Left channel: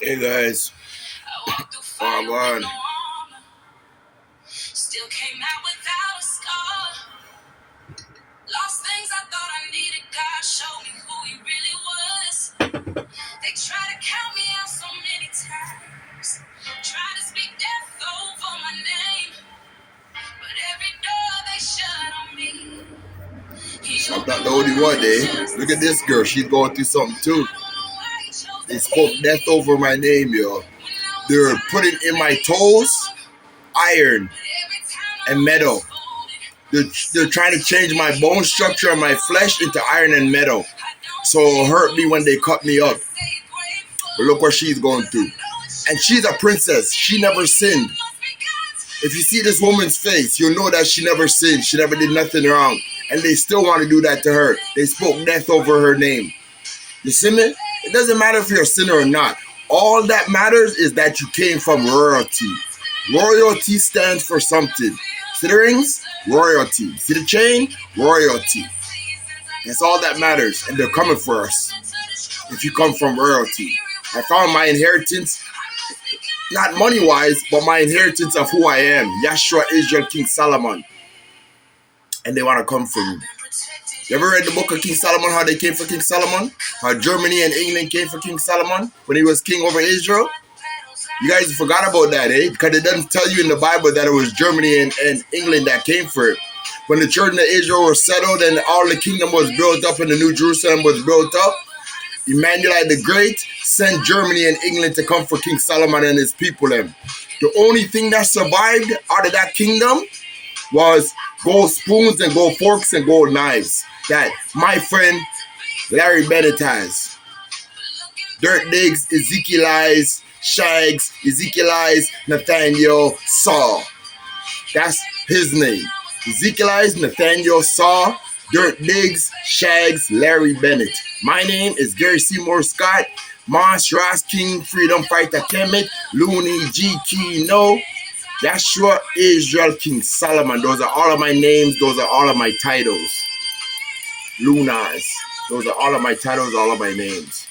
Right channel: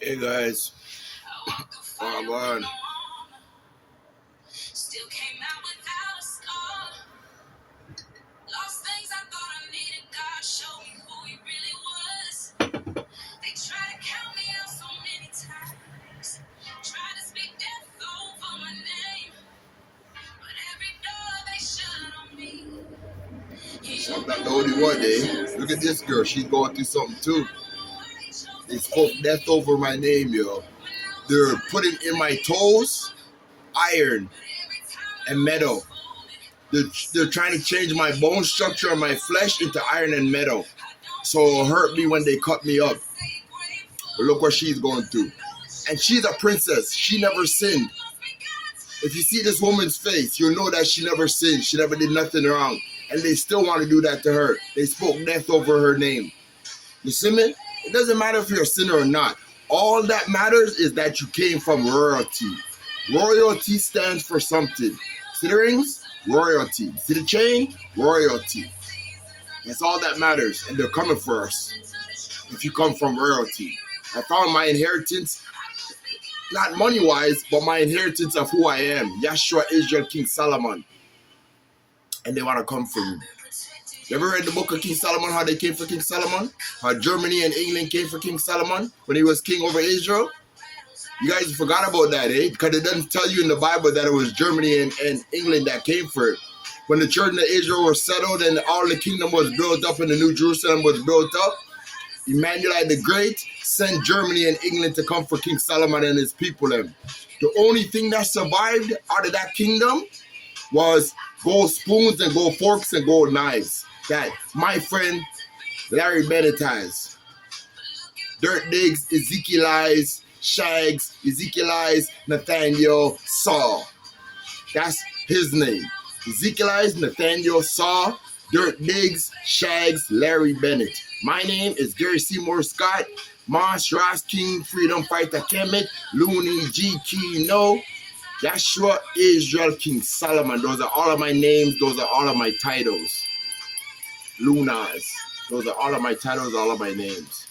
Hey guys, on. Still came out without a scar. Lost things I thought I needed. God showed me who He really was. They tried to count me out so many times. Tried to speak death over my name. But every door they shut on me. I'm not the only one, eh? Look at this girl. She's going through something too. They spoke death over my name, yo. They're putting in my toes iron and metal. They're trying to change my bone structure and my flesh into iron and metal. So it'll hurt me when they cut me up. But look what she's going through. And she's a princess. She never sinned. If you see this woman's face, you'll know that she never sinned. She never did nothing wrong. And they still want to do that to her. They spoke death over her name. You see me? It doesn't matter if you're a sinner or not. All that matters is that you came from royalty. Royalty stands for something. See the rings? Royalty. See the chain? Royalty. That's all that matters. And they're coming for us. If you come from royalty. I found my inheritance, not money-wise, but my inheritance of who I am. Yahshua, Israel, King Solomon. And they want to come for me. You ever read the book of King Solomon, how they came for King Solomon? How Germany and England came for King Solomon when he was king over Israel? You guys forgot about that, eh? Because it doesn't tell you in the Bible that it was Germany and England that came for it. When the children of Israel were settled and all the kingdom was built up and the New Jerusalem was built up, Emmanuel the Great sent Germany and England to come for King Solomon and his people. The only thing that survived out of that kingdom was gold spoons and gold forks and gold knives that my friend Larry Bennett has. Dirt Diggs, Ezekiel Eyes, Shags, Ezekiel Eyes, Nathaniel Saw. That's his name. Ezekiel Eyes, Nathaniel Saw, Dirt Diggs, Shags, Larry Bennett. My name is Gary Seymour Scott, Mons Ross King, Freedom Fighter Kemet, Looney G Kino, Yahshua, Israel, King Solomon. Those are all of my names. Those are all of my titles. Lunas. Those are all of my titles, all of my names.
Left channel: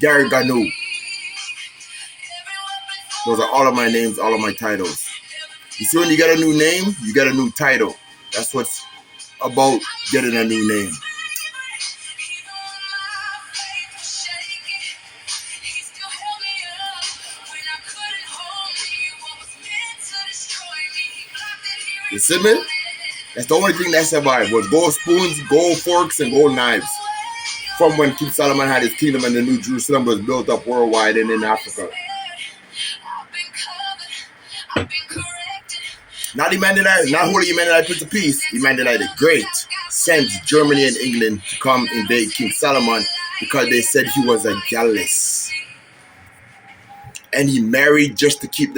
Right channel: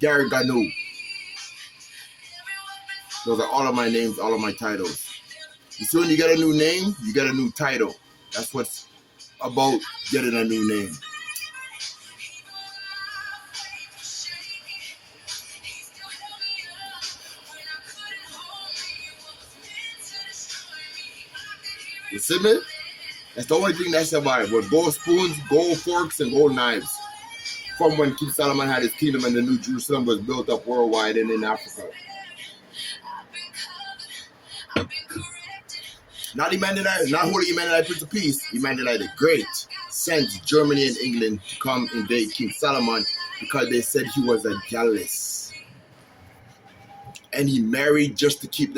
Garryganew. Those are all of my names, all of my titles. You see, when you get a new name, you get a new title. That's what's about getting a new name. You see me? That's the only thing that survived was gold spoons, gold forks, and gold knives. From when King Solomon had his kingdom and the New Jerusalem was built up worldwide and in Africa. Not Emmanuel, not Holy Emmanuel, Prince of Peace. Emmanuel the Great sent Germany and England to come invade King Solomon because they said he was a jealous. And he married just to keep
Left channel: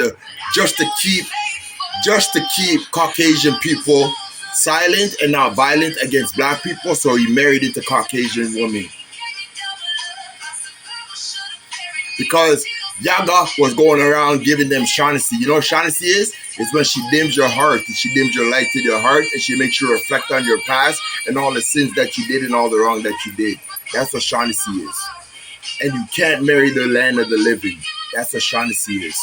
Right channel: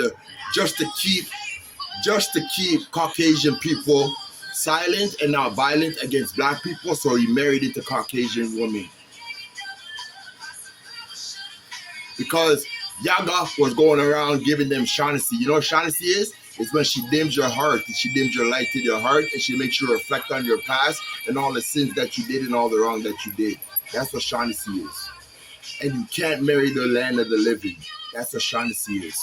Caucasian people silent and not violent against black people, so he married into Caucasian women. Because Yaga was going around giving them shanasee. You know what shanasee is? It's when she dims your heart, and she dims your light to your heart, and she makes you reflect on your past and all the sins that you did and all the wrong that you did. That's what shanasee is. And you can't marry the land of the living. That's what shanasee is.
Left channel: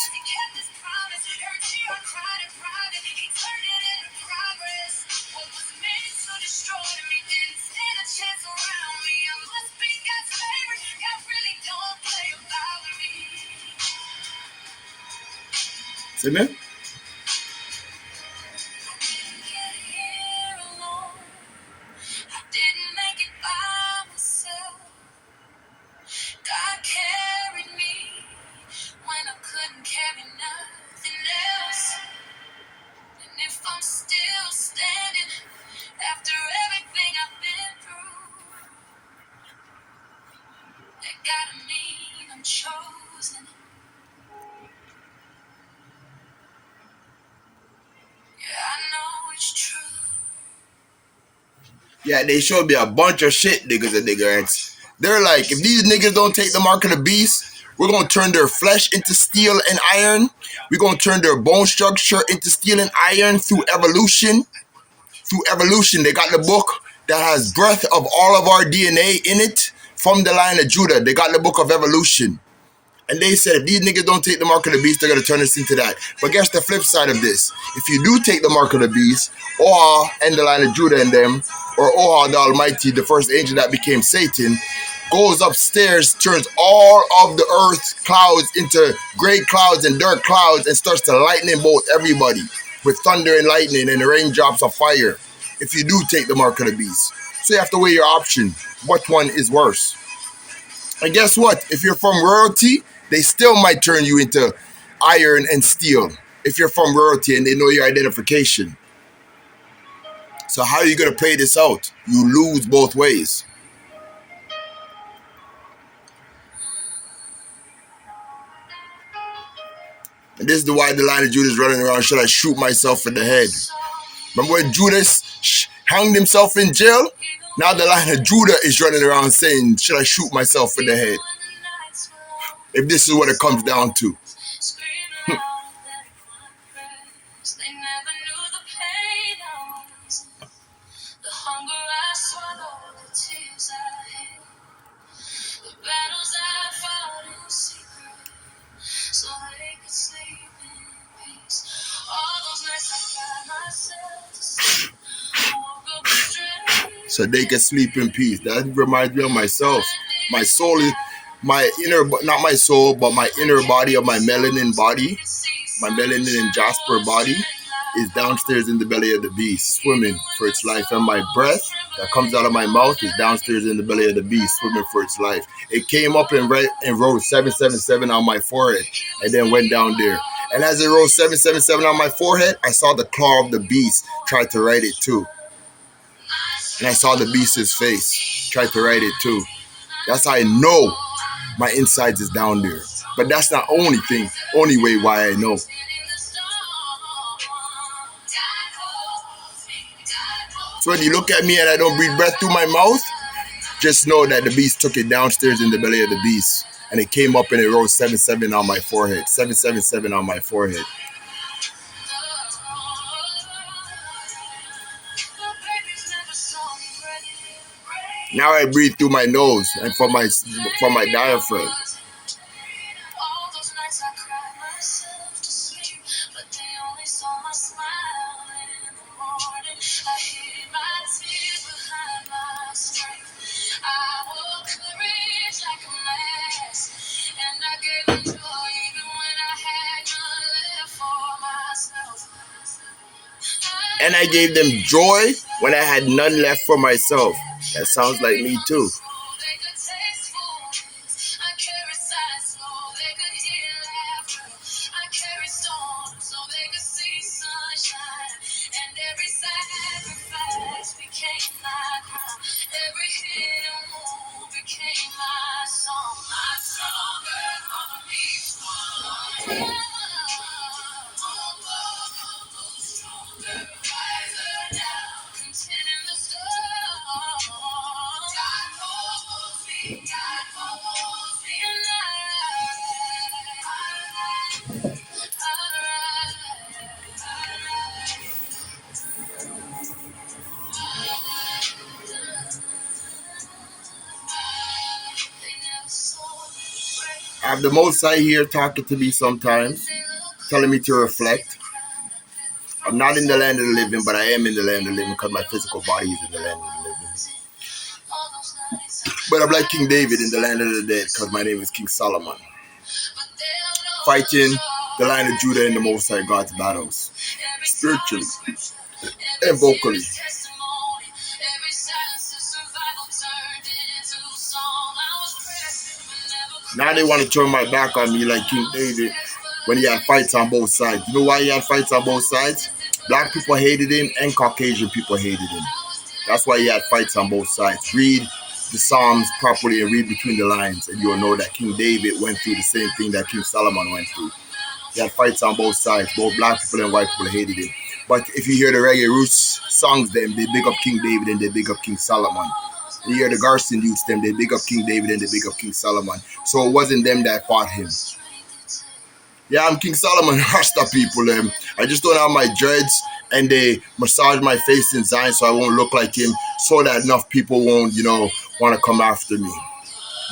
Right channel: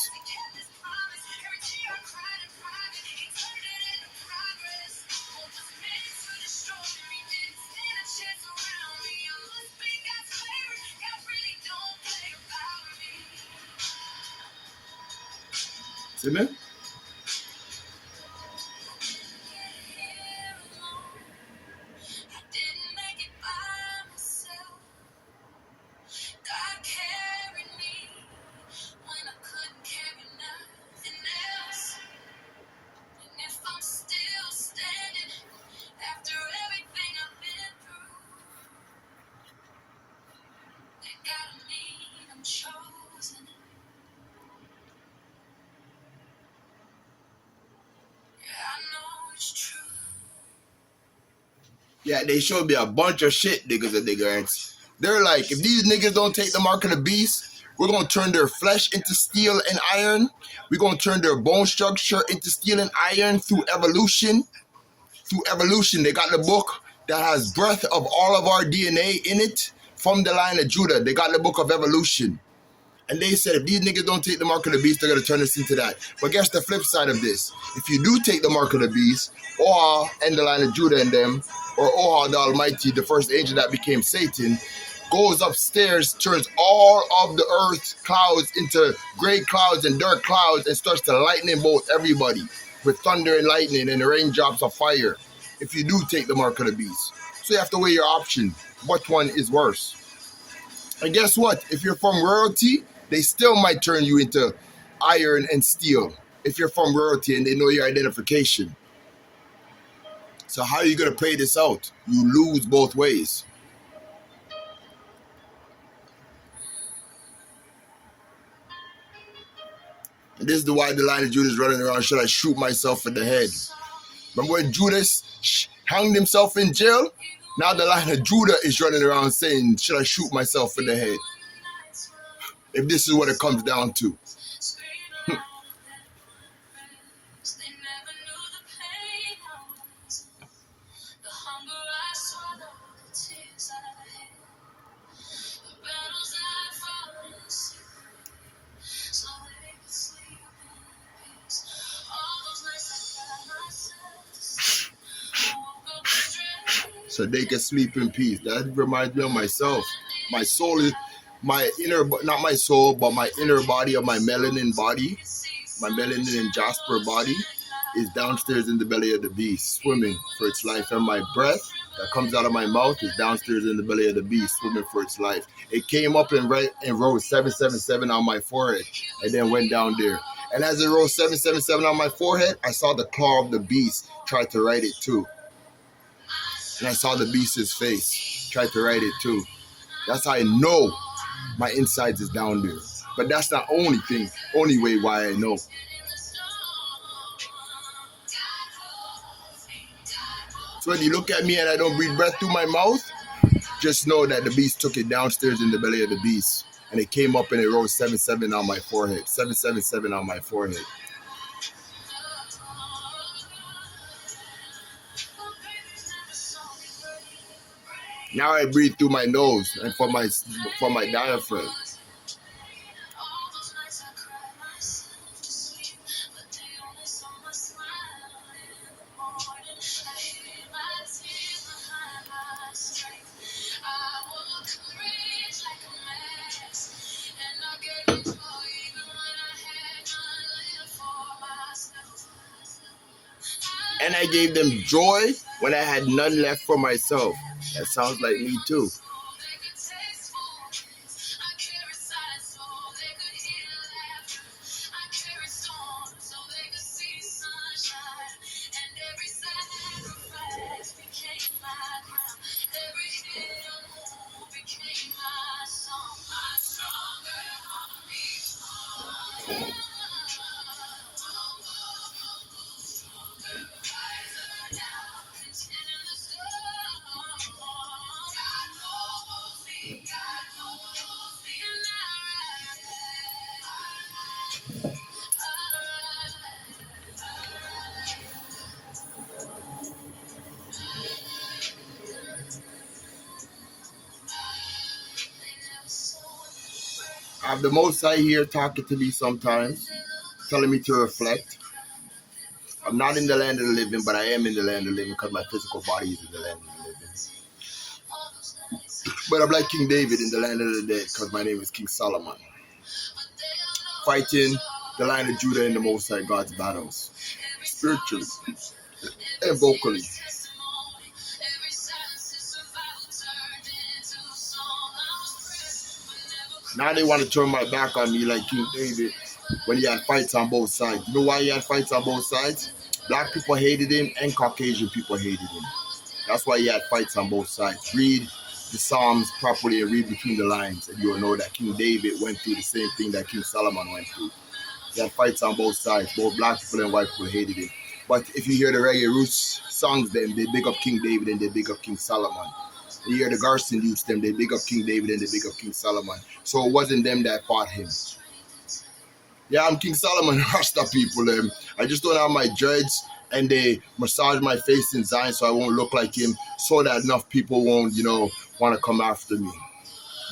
See me? Yeah, they showed me a bunch of shit, niggas and niggerants. They're like, if these niggas don't take the mark of the beast, we're going to turn their flesh into steel and iron. We're going to turn their bone structure into steel and iron through evolution. Through evolution, they got the book, that has breath of all of our DNA in it from the line of Judah. They got the book of evolution. And they said, if these niggas don't take the mark of the beast, they're going to turn us into that. But guess the flip side of this. If you do take the mark of the beast, Oha and the line of Judah and them, or Oha the Almighty, the first angel that became Satan, goes upstairs, turns all of the earth clouds into gray clouds and dark clouds and starts to lightning bolt everybody with thunder and lightning and raindrops of fire if you do take the mark of the beast. So you have to weigh your option. What one is worse? And guess what? If you're from royalty, they still might turn you into iron and steel if you're from royalty and they know your identification. So how are you going to play this out? You lose both ways. And this is why the line of Judah is running around, should I shoot myself in the head? Remember when Judas hanged himself in jail? Now the line of Judah is running around saying, should I shoot myself in the head? If this is what it comes down to. So they can sleep in peace. That reminds me of myself. My soul is my inner, not my soul, but my inner body of my melanin body, my melanin and jasper body is downstairs in the belly of the beast, swimming for its life. And my breath that comes out of my mouth is downstairs in the belly of the beast, swimming for its life. It came up and wrote 777 on my forehead and then went down there. And as it wrote 777 on my forehead, I saw the claw of the beast try to write it too. And I saw the beast's face try to write it too. That's how I know my insides is down there. But that's not only way why I know. So when you look at me and I don't breathe breath through my mouth, just know that the beast took it downstairs in the belly of the beast. And it came up and it wrote 77 on my forehead. 777 on my forehead. Now I breathe through my nose and from my diaphragm. And I gave them joy when I had none left for myself. That sounds like me too. I have the Most High here talking to me sometimes, telling me to reflect. I'm not in the land of the living, but I am in the land of the living because my physical body is in the land of the living. But I'm like King David in the land of the dead because my name is King Solomon. Fighting the line of Judah in the Most High God's battles, spiritually and vocally. Now they want to turn my back on me like King David when he had fights on both sides. You know why he had fights on both sides? Black people hated him and Caucasian people hated him. That's why he had fights on both sides. Read the Psalms properly and read between the lines and you'll know that King David went through the same thing that King Solomon went through. He had fights on both sides. Both black people and white people hated him. But if you hear the reggae roots songs, them they big up King David and they big up King Solomon. You hear the Garson youths, them they big up King David and they big up King Solomon. So it wasn't them that fought him. Yeah, I'm King Solomon, Rasta people. I just don't have my dreads and they massage my face in Zion so I won't look like him, so that enough people won't, want to come after me.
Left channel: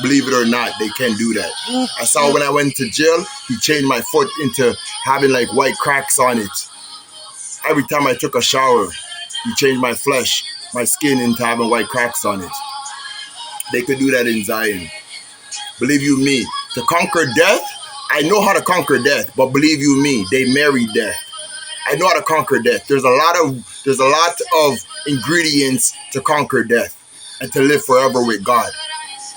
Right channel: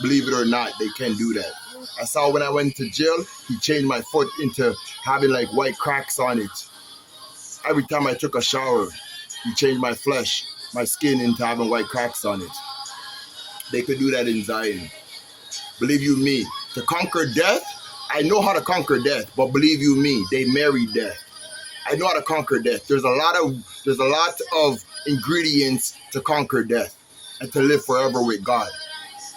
Believe it or not, they can do that. I saw when I went to jail, he changed my foot into having like white cracks on it. Every time I took a shower, he changed my flesh, my skin into having white cracks on it. They could do that in Zion. Believe you me, to conquer death, I know how to conquer death, but believe you me, they marry death. I know how to conquer death. There's a lot of ingredients to conquer death and to live forever with God.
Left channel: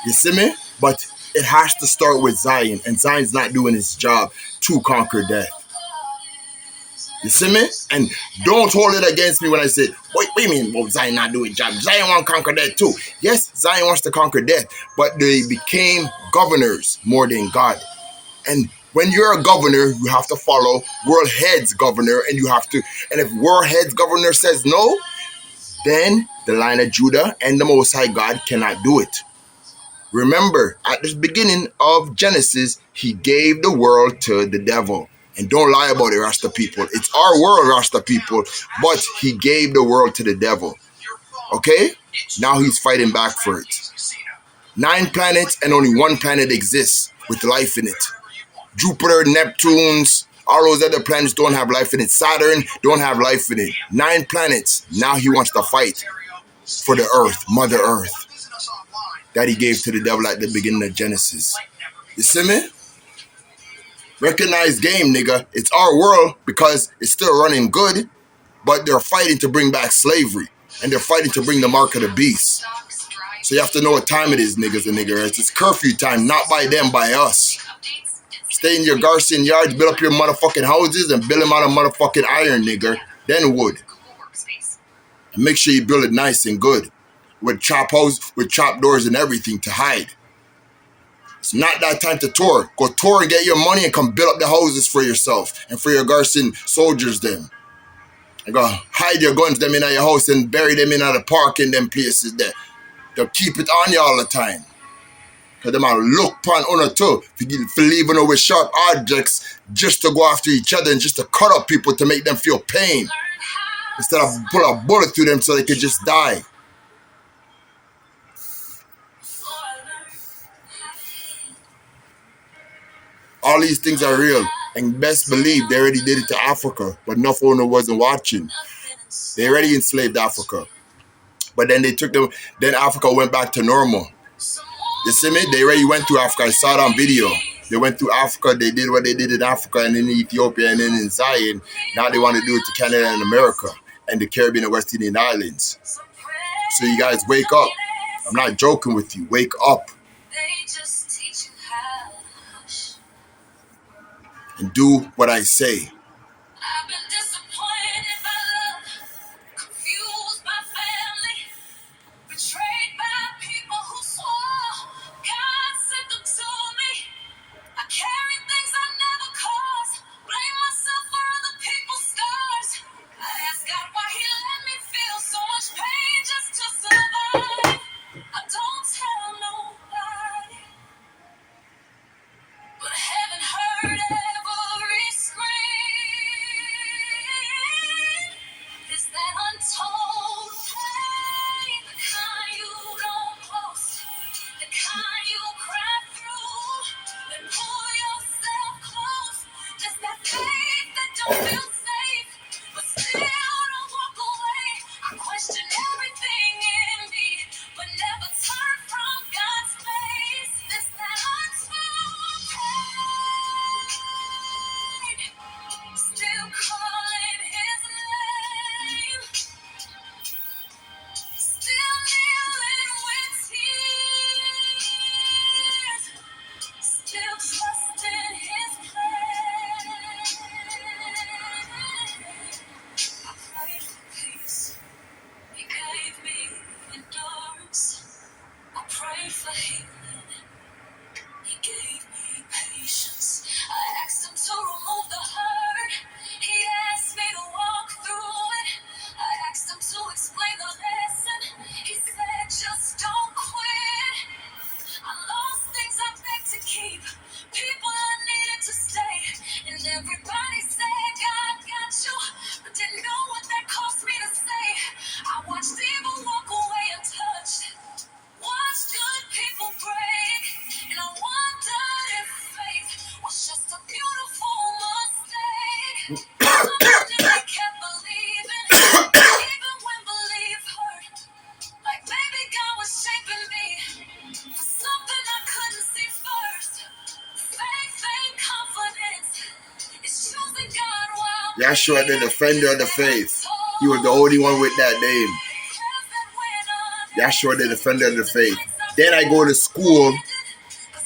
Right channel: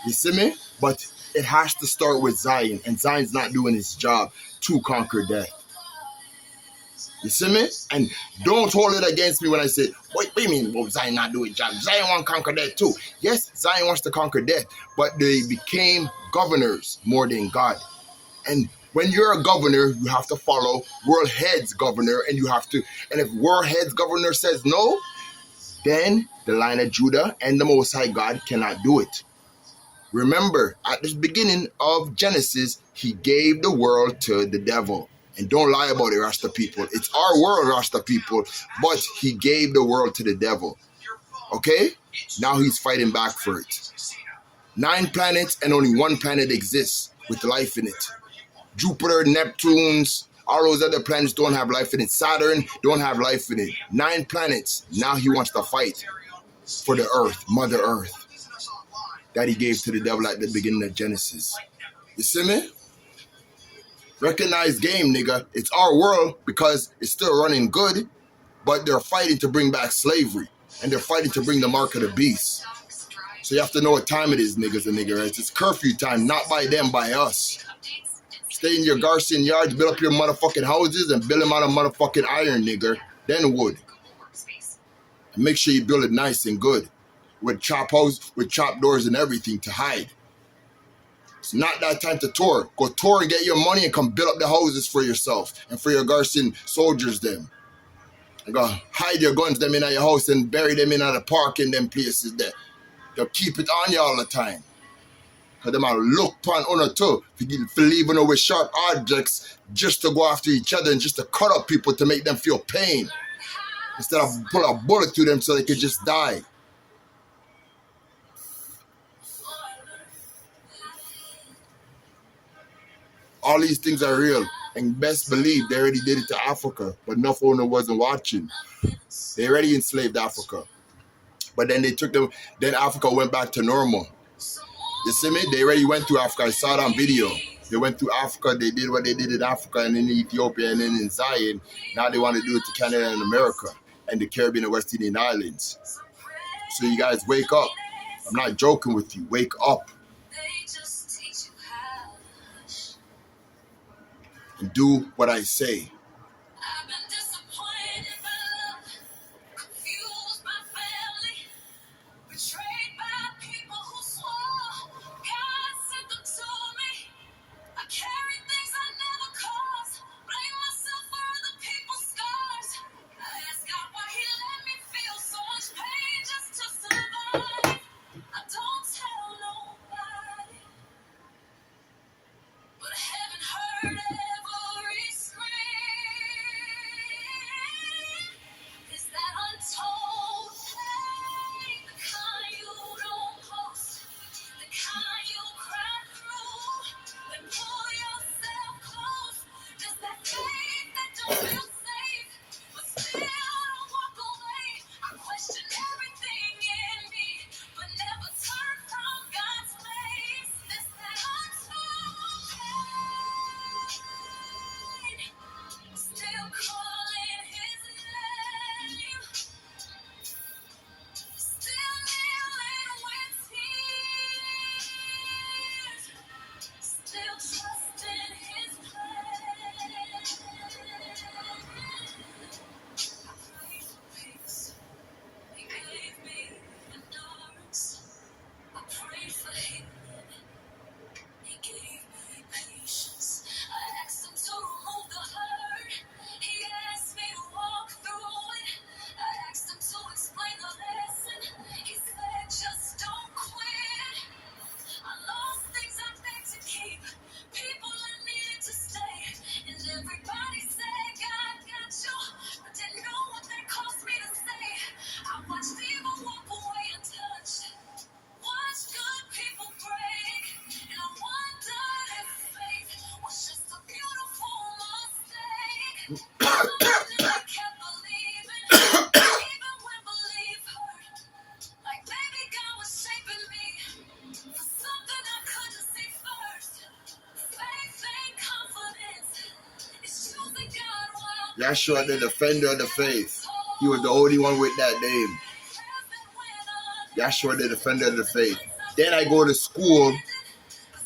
You see me? But it has to start with Zion, and Zion's not doing his job to conquer death. You see me? And don't hold it against me when I say, what do you mean, Zion not doing his job? Zion want to conquer death too. Yes, Zion wants to conquer death, but they became governors more than God. And when you're a governor, you have to follow world head's governor, and if world head's governor says no, then the line of Judah and the Most High God cannot do it. Remember, at the beginning of Genesis, he gave the world to the devil. And don't lie about it, Rasta people. It's our world, Rasta people, but he gave the world to the devil. Okay? Now he's fighting back for it. 9 planets and only 1 planet exists with life in it. Jupiter, Neptune's, all those other planets don't have life in it. Saturn don't have life in it. 9 planets. Now he wants to fight for the earth, Mother Earth, that he gave to the devil at the beginning of Genesis. You see me? Recognize game, nigga. It's our world because it's still running good, but they're fighting to bring back slavery, and they're fighting to bring the mark of the beast. So you have to know what time it is, niggas and niggerettes. It's curfew time, not by them, by us. Stay in your Garcian yards, build up your motherfucking houses, and build them out of motherfucking iron, nigger, then wood. And make sure you build it nice and good, with chop doors and everything to hide. It's not that time to tour. Go tour and get your money and come build up the houses for yourself and for your Garcian soldiers them. And go hide your guns them in your house and bury them in the park in them places there. They'll keep it on you all the time. Because them will look upon honor too for leaving with sharp objects just to go after each other and just to cut up people to make them feel pain. Instead of put a bullet through them so they could just die. All these things are real, and best believe they already did it to Africa, but enough owner wasn't watching. They already enslaved Africa, but then then Africa went back to normal. You see me? They already went to Africa. I saw it on video. They went to Africa. They did what they did in Africa and in Ethiopia and then in Zion. Now they want to do it to Canada and America and the Caribbean and West Indian Islands. So you guys wake up. I'm not joking with you. Wake up. And do what I say. Yeshua, the defender of the faith. He was the only one with that name. Yeshua, the defender of the faith. Then I go to school.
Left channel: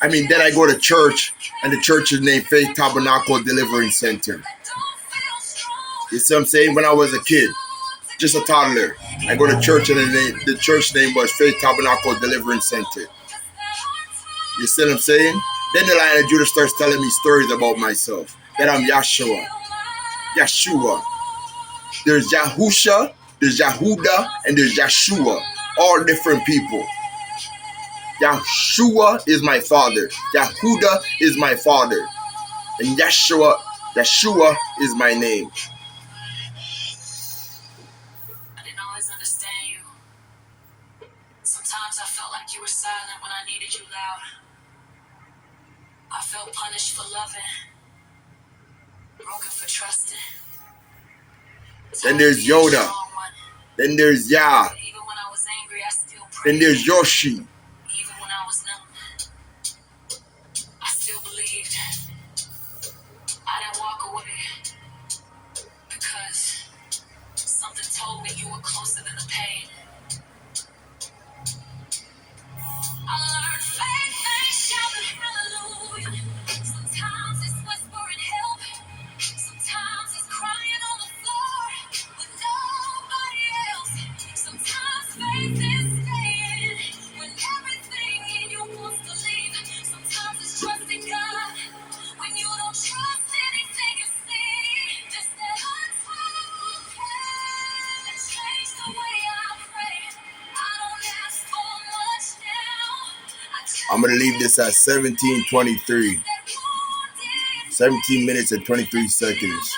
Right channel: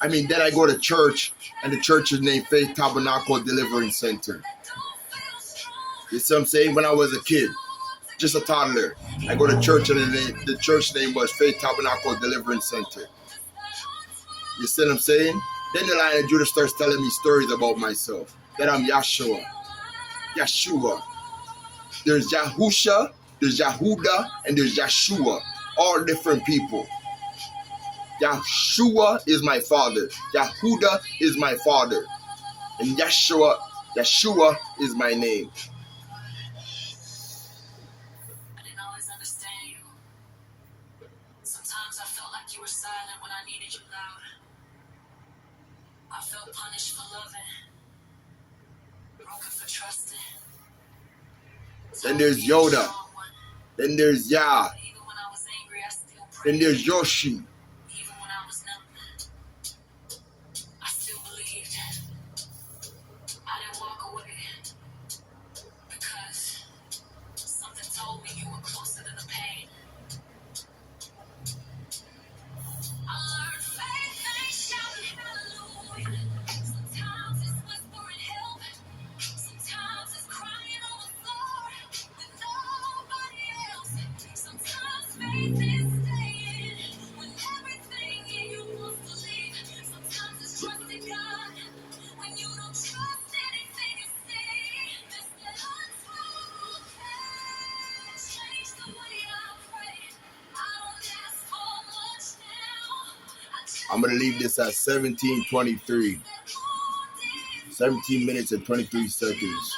Then I go to church, and the church is named Faith Tabernacle Deliverance Center. You see what I'm saying? When I was a kid, just a toddler, I go to church, and the church name was Faith Tabernacle Deliverance Center. You see what I'm saying? Then the Lion of Judah starts telling me stories about myself, that I'm Yeshua. There's Yahusha, there's Yahuda, and there's Yeshua. All different people. Yeshua is my father. Yahuda is my father. And Yeshua is my name. I didn't always understand you. Sometimes I felt like you were silent when I needed you loud. I felt punished for loving, broken for trusting. Then there's Yoda. Then there's Yah. Even when I was angry, I still prayed. Then there's Yoshi. Even when I was numb, I still believed. I didn't walk away because something told me you were closer than the pain. I learned faith ain't shouting hallelujah. Sometimes it's whispering help. Sometimes it's crying on the floor with nobody else. Sometimes faith is staying when everything in you wants to leave. Sometimes it's trusting God when you don't trust anything you see. Just that and change the way I pray. I don't ask for much now. I'm going to leave this at 17:23. 17 minutes and 23 seconds.